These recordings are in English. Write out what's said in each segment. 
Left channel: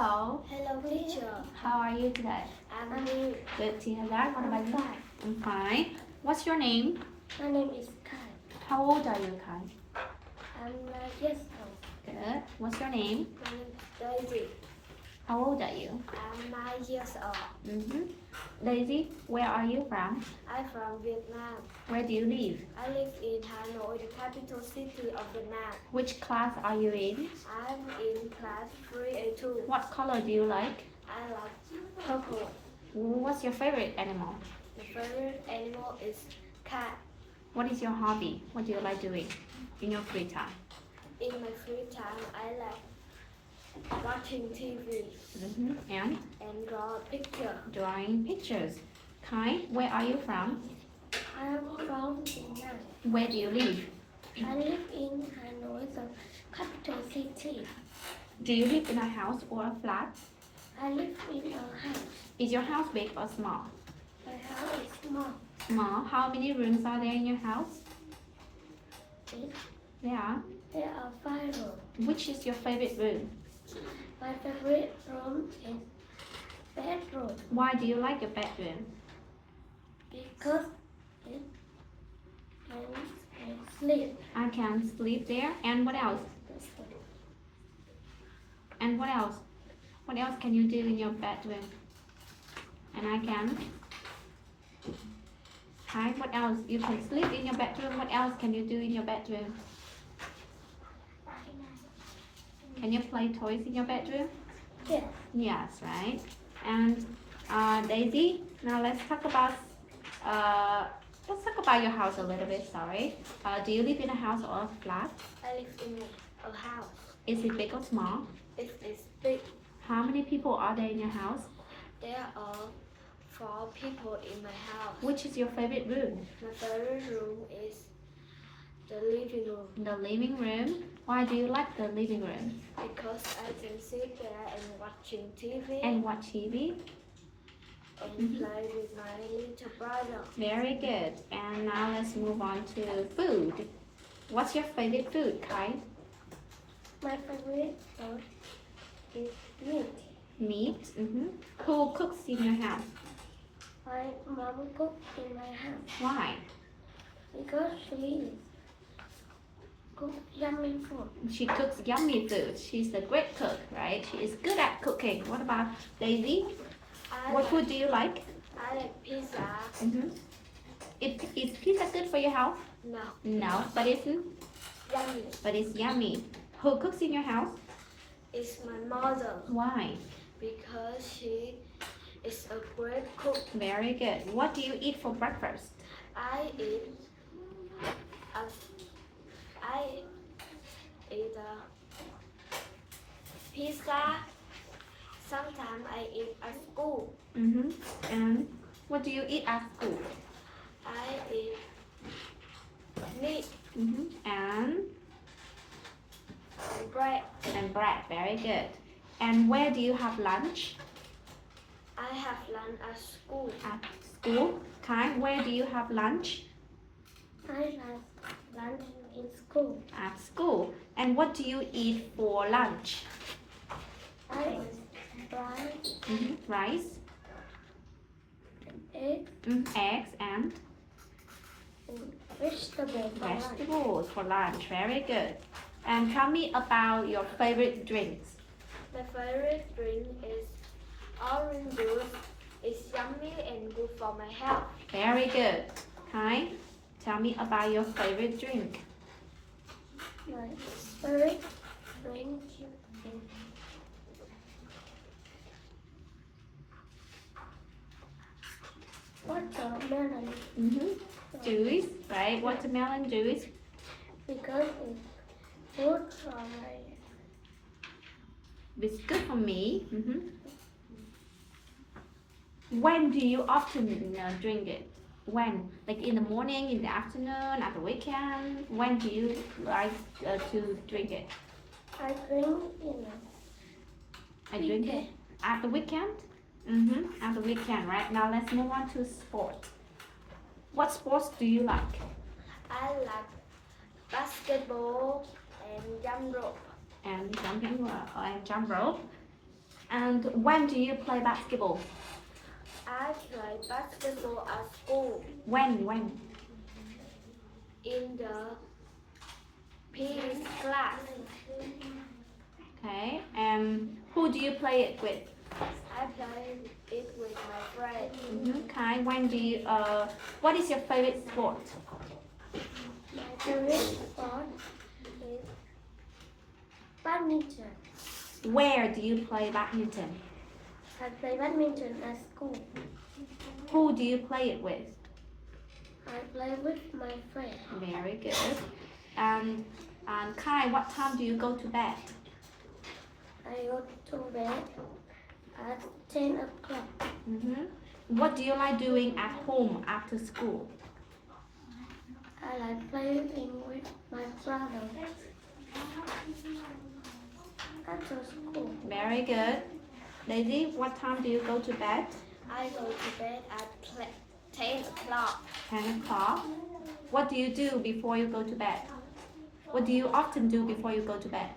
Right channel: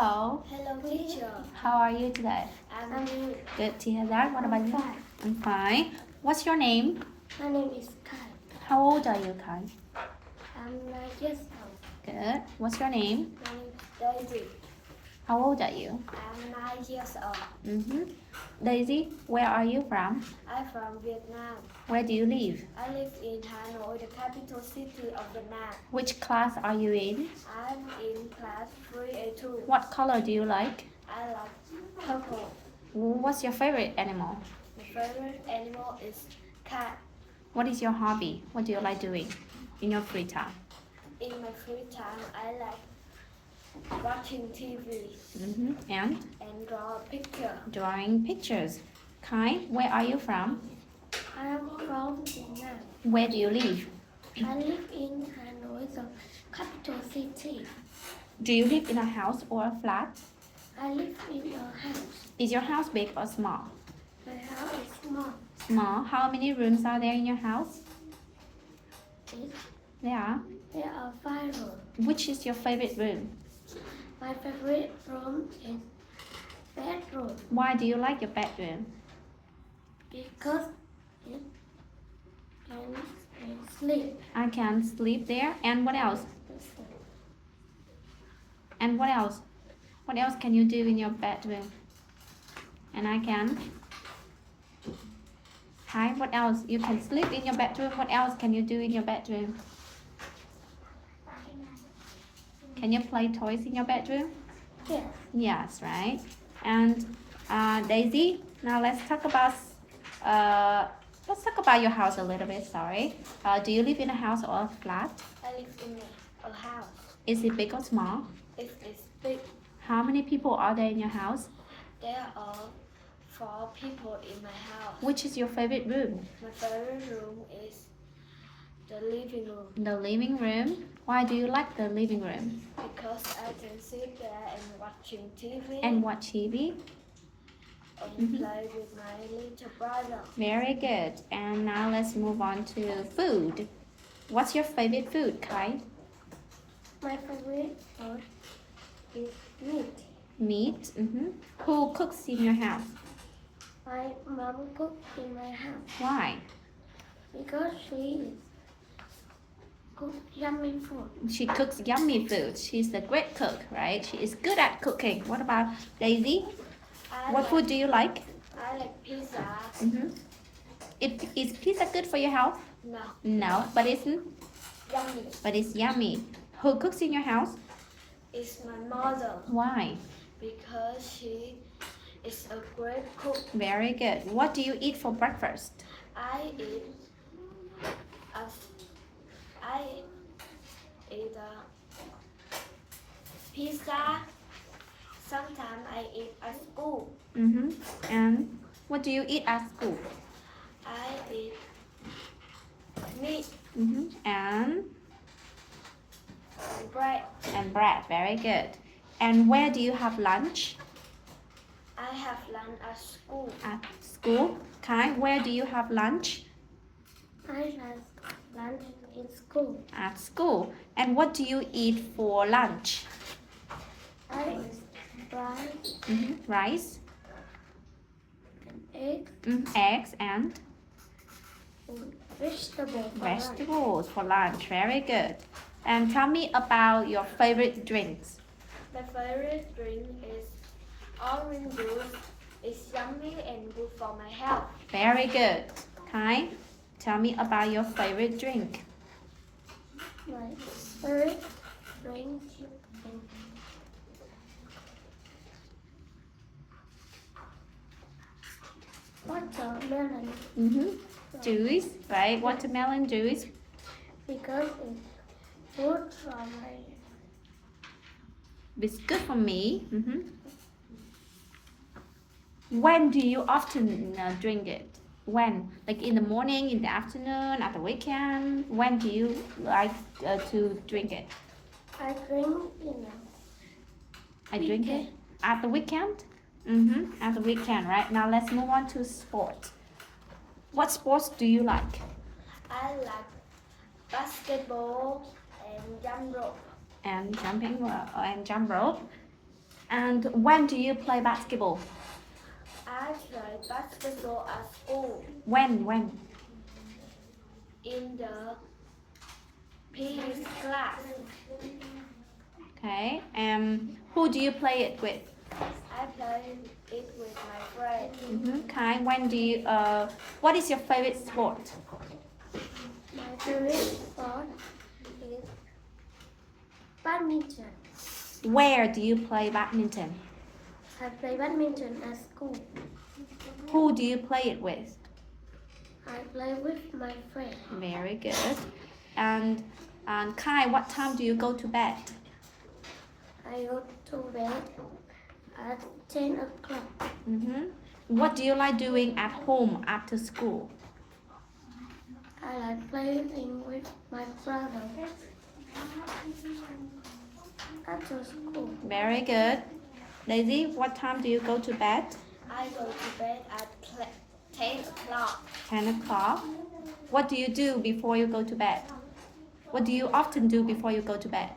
Hello. Hello, teacher. How are you today? I'm good. Good to hear that. What about you? Fine. I'm fine. What's your name? My name is Kai. How old are you, Kai? I'm 9 years old. Good. What's your name? My name is Daisy. How old are you? I'm 9 years old. Daisy, where are you from? I'm from Vietnam. Where do you live? I live in Hanoi, the capital city of Vietnam. Which class are you in? I'm in class 3A2. What color do you like? I like purple. What's your favorite animal? My favorite animal is cat. What is your hobby? What do you like doing in your free time? In my free time, I like watching TV And and draw picture. drawing pictures. Kai, where are you from? I am from Vietnam. Where do you live? I live in Hanoi, the capital city. Do you live in a house or a flat? I live in a house. Is your house big or small? My house is small. Small. How many rooms are there in your house? It- There are. 5 rooms. Which is your favorite room? My favorite room is bedroom Why do you like your bedroom? because it can sleep. I can sleep there. And what else? And what else? What else can you do in your bedroom? And I can. Hi, what else? You can sleep in your bedroom. What else can you do in your bedroom? Can you play toys in your bedroom? Yeah. Yes, right. And Daisy, now let's talk about your house a little bit. Sorry. Do you live in a house or a flat? I live in a house. Is it big or small? It is big. How many people are there in your house? There are 4 people in my house. Which is your favorite room? My favorite room is the living room The living room. Why do you like the living room? because I can sit there and watching TV And watch TV? and play with my little brother. Very good. And now let's move on to food. What's your favorite food, Kai? My favorite food is meat. Meat. Who cooks in your house? My mom cooks in my house Why? because she cooks yummy food. She cooks yummy food. She's a great cook, right? She is good at cooking. What about Daisy? What food do you like? I like pizza. Is pizza good for your health? No, No, but yummy. it's yummy. Who cooks in your house? It's my mother Why? because she is a great cook. Very good. What do you eat for breakfast? I eat a pizza. Sometimes I eat at school. And what do you eat at school? I eat meat And bread. bread. Very good. And where do you have lunch? I have lunch at school. At school. Kai, where do you have lunch? I have lunch in school. At school. And what do you eat for lunch? I eat rice, Rice, egg, eggs, and and vegetable for lunch. vegetables for lunch. Very good. And tell me about your favorite drinks. My favorite drink is orange juice. It's yummy and good for my health. Very good. Kai, tell me about your favorite drink. My favorite drink is watermelon Juice, right? Watermelon juice. because it's good for my It's good for me. When do you often drink it? When? Like in the morning, in the afternoon, at the weekend? When do you like to drink it? I drink in I drink it at the weekend. At the weekend, right? Now let's move on to sport. What sports do you like? I like basketball and jump rope. And jump rope. And when do you play basketball? I play basketball at school When? in the PE class. Okay. And who do you play it with? I play it with my friend. Okay. When do you? What is your favorite sport? My favorite sport is badminton. Where do you play badminton? I play badminton at school. Who do you play it with? I play with my friend. Very good. And Kai, what time do you go to bed? I go to bed at 10 o'clock. What do you like doing at home after school? I like playing with my brother after school. Very good. Daisy, what time do you go to bed? I go to bed at 10 o'clock. 10 o'clock. What do you do before you go to bed? What do you often do before you go to bed?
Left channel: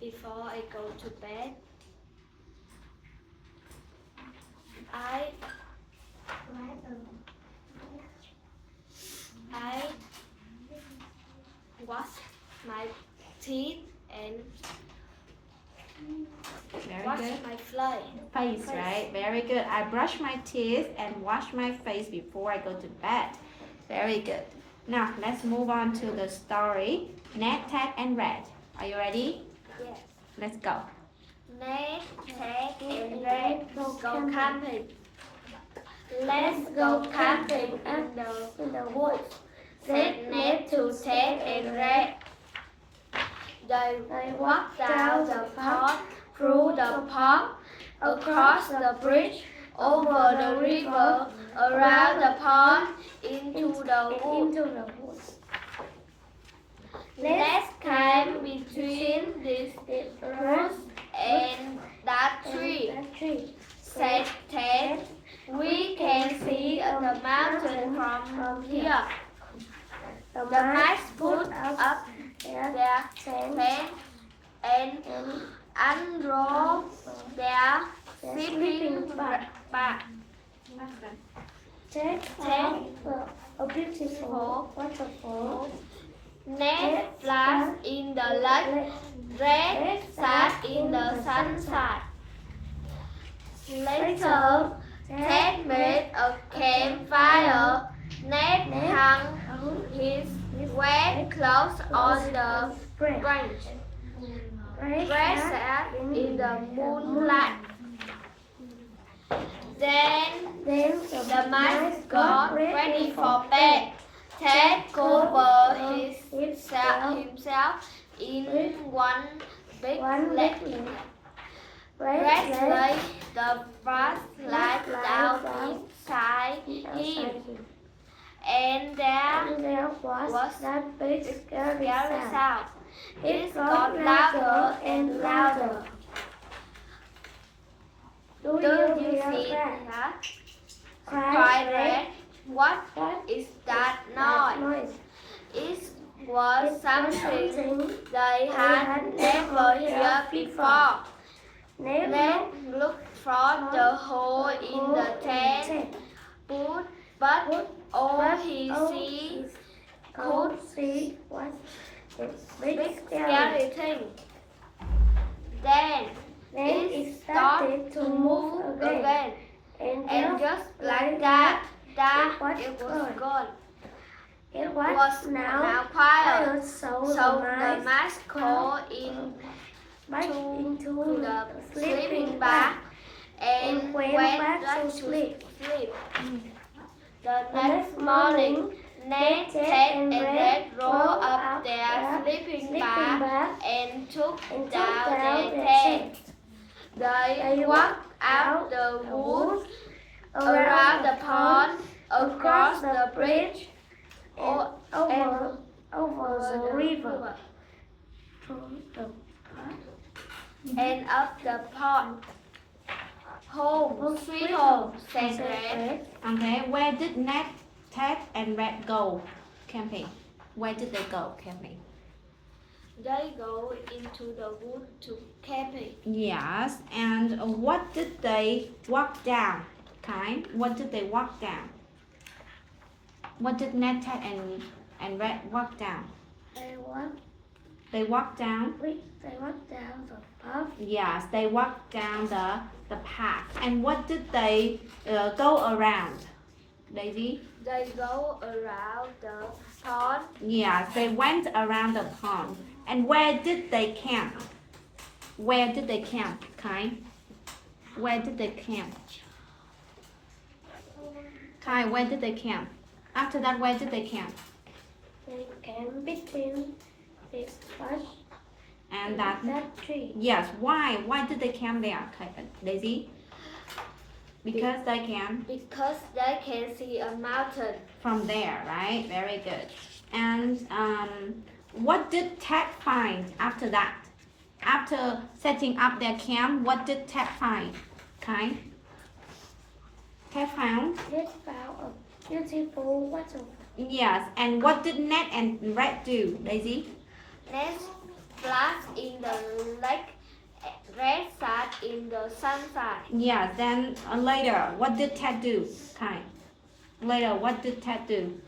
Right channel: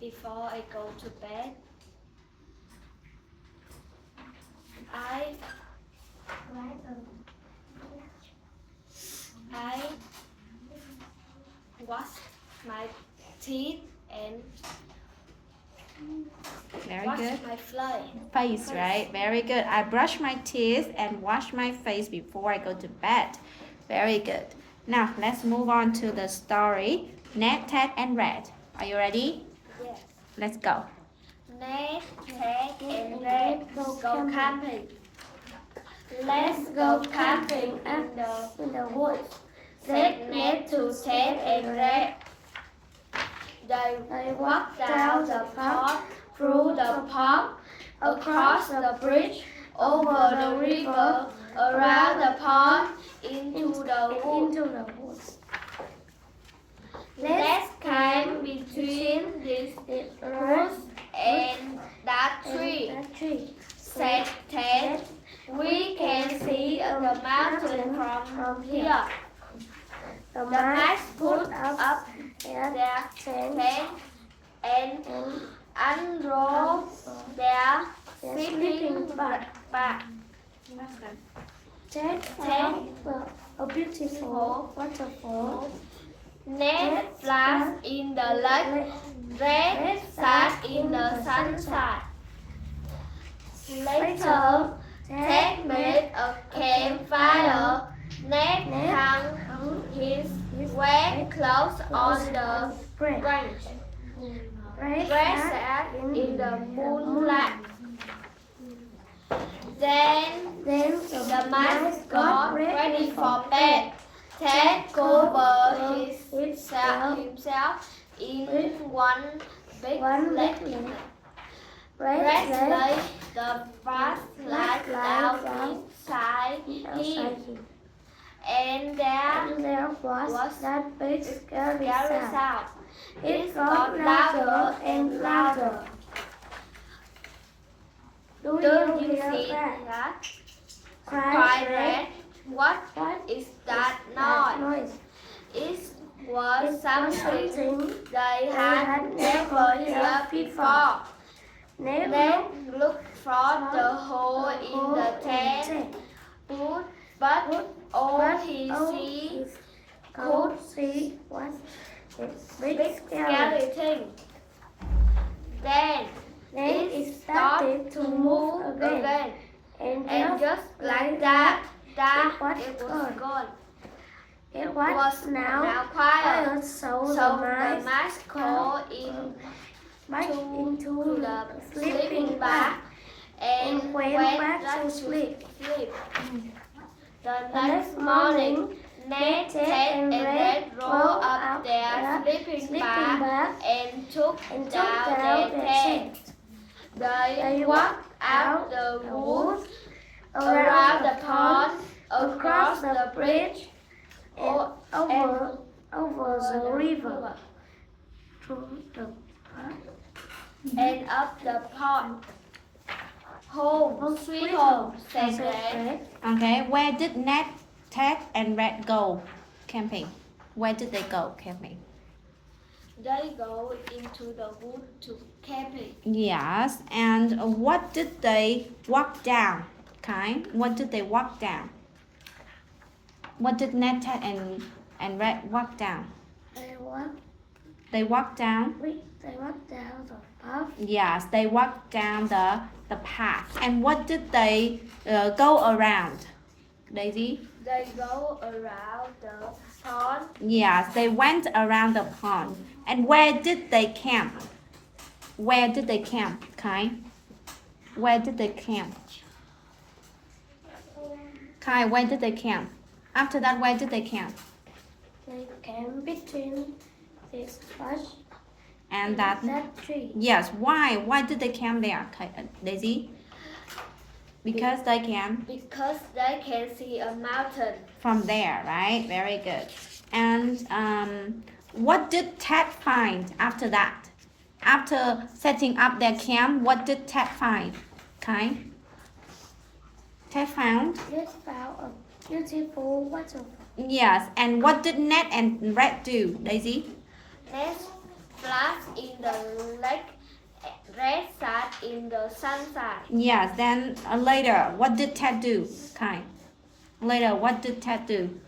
Before I go to bed, I wash my teeth and Very wash good. my Face, right? Very good. I brush my teeth and wash my face before I go to bed. Very good. Now, let's move on to the story. Ned, Ted, and Red. Are you ready? Yes. Let's go. Ned, Ted, and Red go camping. Let's go camping in the woods, said Ned to Ted and Red. They walked down the path, through the park, across the bridge, over the river, around the pond, into the woods. Let's camp between these roots and that tree, said Ted. We can see the mountain from here. The mice put up their tent and unrolled their sleeping bag. Ted found a beautiful waterfall. Ned splashed in the lake. Red sat in the sunshine. Later, Ted made a campfire. Ned hung his wet clothes on the branch. Red sat in the moonlight. Then the mice got ready for bed. Ted covered himself in one big blanket. Red laid the flashlight down inside him. And there was that big scary sound. It got louder and louder. Do you hear that? Cried Red. What is that noise? It was something they had never heard before. Ned looked through the hole in the tent, but all he could see was a big scary thing. Then it started to move again, and just like that, it was gone. It was now quiet, so the mice crawled into the sleeping bag and went back to sleep. The next morning, Ned, Ted, and Red rolled up their sleeping bag and took down their tent. They walked out the woods, around the pond, across the bridge, and over the river, through the park, and up the pond. Home, sweet home, said Red. Okay, where did Ned, Ted, and Red go camping? Where did they go camping? They go into the wood to camping. Yes, and what did they walk down? Okay, what did they walk down? What did Ned, Ted, and Red walk down? They walk They walked down. down the path. Yes, they walked down the path. And what did they go around? Daisy? They go around the pond. Yes, they went around the pond. And where did they camp? Where did they camp, Kai? Where did they camp? Kai, where did they camp? After that, where did they camp? They camp between this bush And that, tree. yes, why? Why did they camp there, Kai, Daisy? Because they can Because they can see a mountain. from there, right? Very good. And what did Ted find after that? After setting up their camp, what did Ted find? Kai? Ted found? They found a beautiful waterfall. Yes. And what did Ned and Red do, Daisy? Ned splashed in the lake. Red sat in the sunshine. Yes. Then later, what did Ted do, Kai? Later, what did Ted do?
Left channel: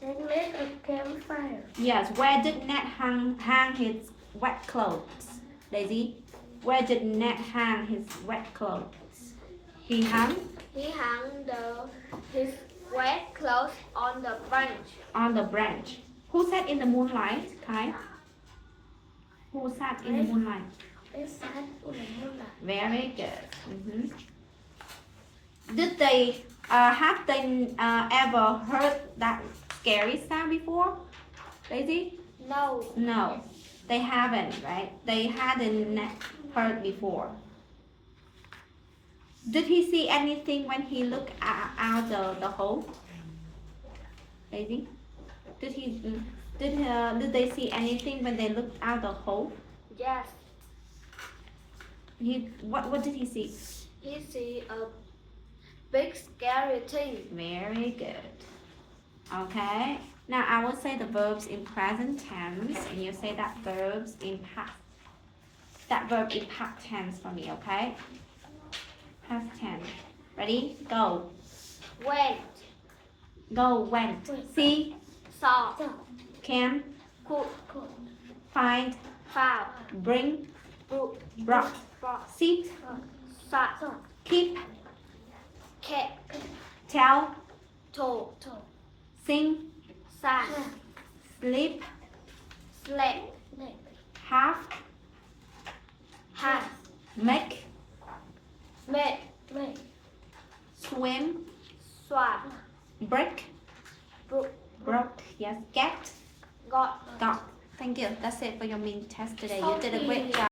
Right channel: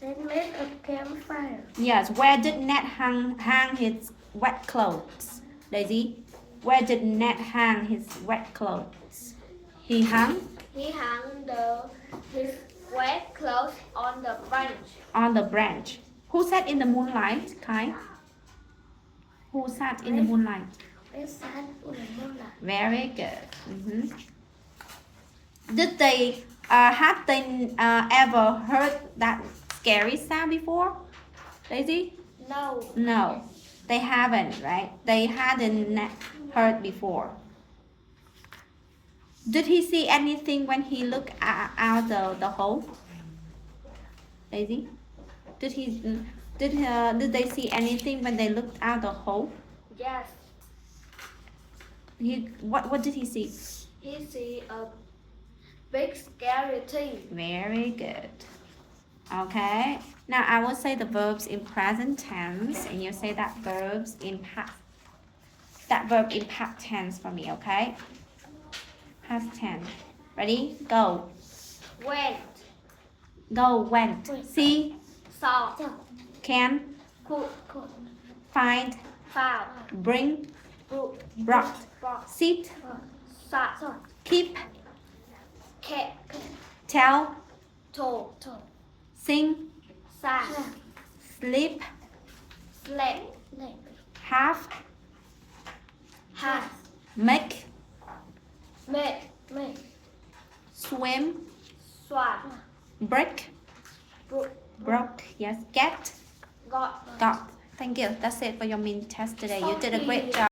They made a campfire. Yes. Where did Ned hang his wet clothes, Daisy? Where did Ned hang his wet clothes? He hung He hung his wet clothes on the branch. on the branch. Who sat in the moonlight, Kai? Who sat in the moonlight? They sat in the moonlight. Very good. Did they have they ever heard that scary sound before, Daisy? No. No, they haven't, right? They hadn't heard before. Did he see anything when he looked out the hole, Daisy? Did they see anything when they looked out the hole? Yes. What did he see? He see a big scary thing. Very good. Okay. Now I will say the verbs in present tense, and you say that verb in past tense for me. Okay. Past tense. Ready? Go. Went. Go. Went. See. Saw. Can. Could. Find. Found. Bring. Brought. Sit. Sat. Keep. Kept. Tell. Told. Sing. Sang. Sleep. Slept. Have. Had. Make. Made. Swim. Swam. Break. Broke. Yes. Get. Got. Got. Thank you. That's it for your mini test today. You Thank did a great you. job.